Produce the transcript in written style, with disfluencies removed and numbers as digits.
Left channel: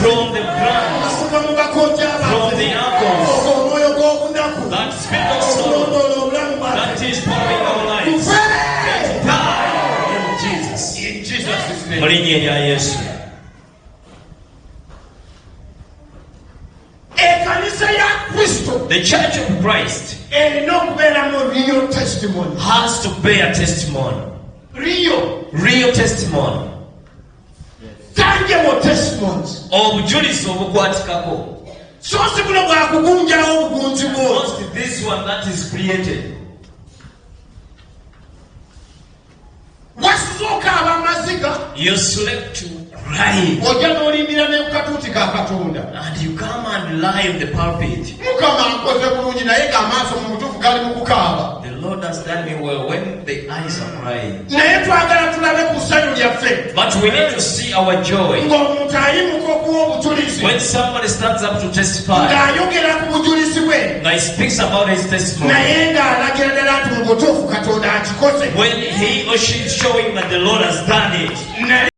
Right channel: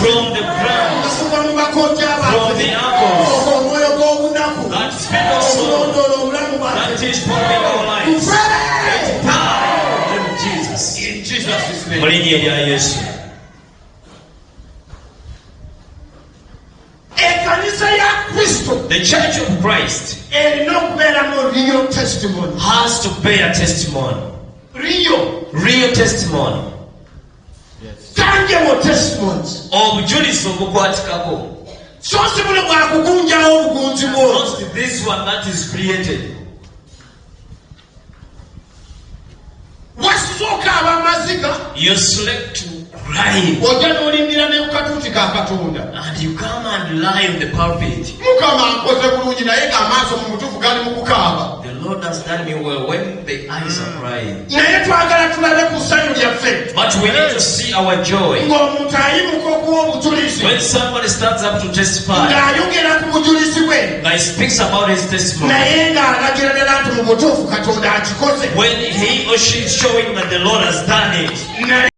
from the ground, from the apples, that spirit of soul, that is pouring our lives. In Jesus' name. The Church of Christ has to bear testimony. Real testimony. Tangible testimonies. Not this one that is created. You slept crying, and you come and lie on the pulpit. The Lord has done me well when the eyes are crying. But we need to see our joy. When somebody stands up to testify, he speaks about his testimony. When he or she is showing that the Lord has done it.